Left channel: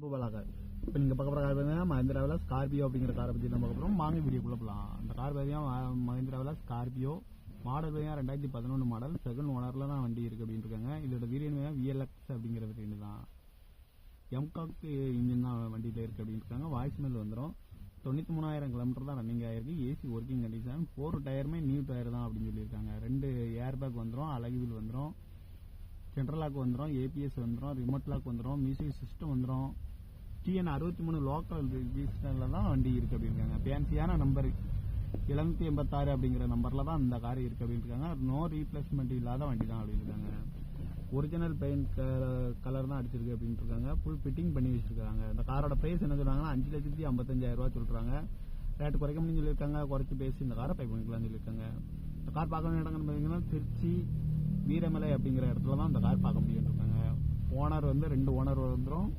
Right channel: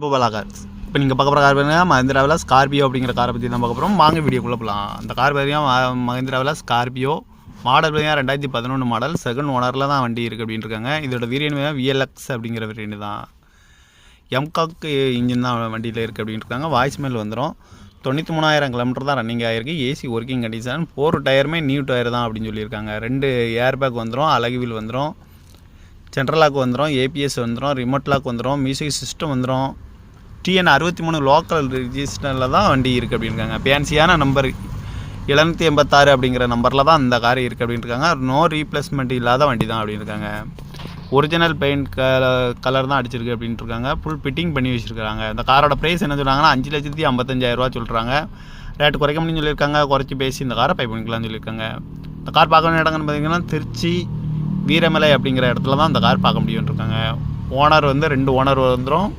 Gopala cars. இப்போ நீங்கள் பார்க்க போகிற கார் பார்த்தீங்கன்னா மஹிந்திராவில் ஸ்கார்பியோ அப்படிங்கிற காரை பற்றி தான் பார்க்க போகிறோம். வாங்க வீடியோக்குள்ளே போகலாம். அந்த கார் பார்த்தீங்கன்னா மஹிந்திராவில் ஸ்கார்பியோ மாடல் பார்த்தீங்கன்னா 2011 மாடல், செகண்ட் ஓனரில் தான் வண்டி இருக்குது அப்படின்னு இருக்காங்க. இதோட வேரியன்ட் VLX அப்படிங்கிற வேரியன்ட் தான். எம்காக் இன்ஜின் தான் வண்டியில் இருக்குது அப்படின்னு இருக்காங்க. வாய்ஸ் மேல் வந்துடும். 93,000 கிலோமீட்டர் தான் ரன்னிங் ஆகிருக்கு. AC working condition. 4 டயருமே நியூ டயர் தான் அப்படின்னு சொல்லியிருக்காங்க. 2 ஏர் பேக் வந்துடும், அலகு வீல் வந்துடும், சென்ட்ரல் லாக் வந்துடும், ஏபிஎஸ் வந்துடும், ரிமோட் லாக் வந்துடும், மியூசிக் சிஸ்டம் வந்துடும். TN 63 லோக்கல் ரிஜிஸ்டரில் தான் வண்டி இருக்குது அப்படின்றாங்க. ஃபேன்சியான நம்பர் 786 அப்படிங்கிற நம்பரில் தான் அந்த கார் இருக்குது அப்படின்னு இருக்காங்க. நோ ரீப்ளேஸ்மெண்ட் இல்லாத வண்டி தான் அப்படின்னு இருக்காங்க. ஒரிஜினல் பெயிண்ட் கலர் தான் அடிச்சிருக்கு அப்படின்ட்டு இருக்காங்க. ஃபுல் ஃபிட்டிங் பண்ணி வச்சுருக்காங்க. இந்த காரோட ப்ரைஸ் என்ன சொல்கிறாங்கன்னா 5,55,000 சொல்கிறாங்க. ரேட்டு குறைக்க முடியும்னு சொல்லியிருக்காங்க. குறைச்சி பேசி இந்த காரை பை பண்ணிக்கலாம்னு சொல்லியிருக்காங்க. இந்த கார் பார்க்க வேண்டிய இடங்கள்னு பார்த்தீங்கன்னா திருச்சி வீரமலை அப்படிங்கிற இடத்துல தான் இந்த கார் பார்க்க முடியும்னு இருக்காங்க. ஓனர் வந்து 2 ஓனர் வந்துடும்.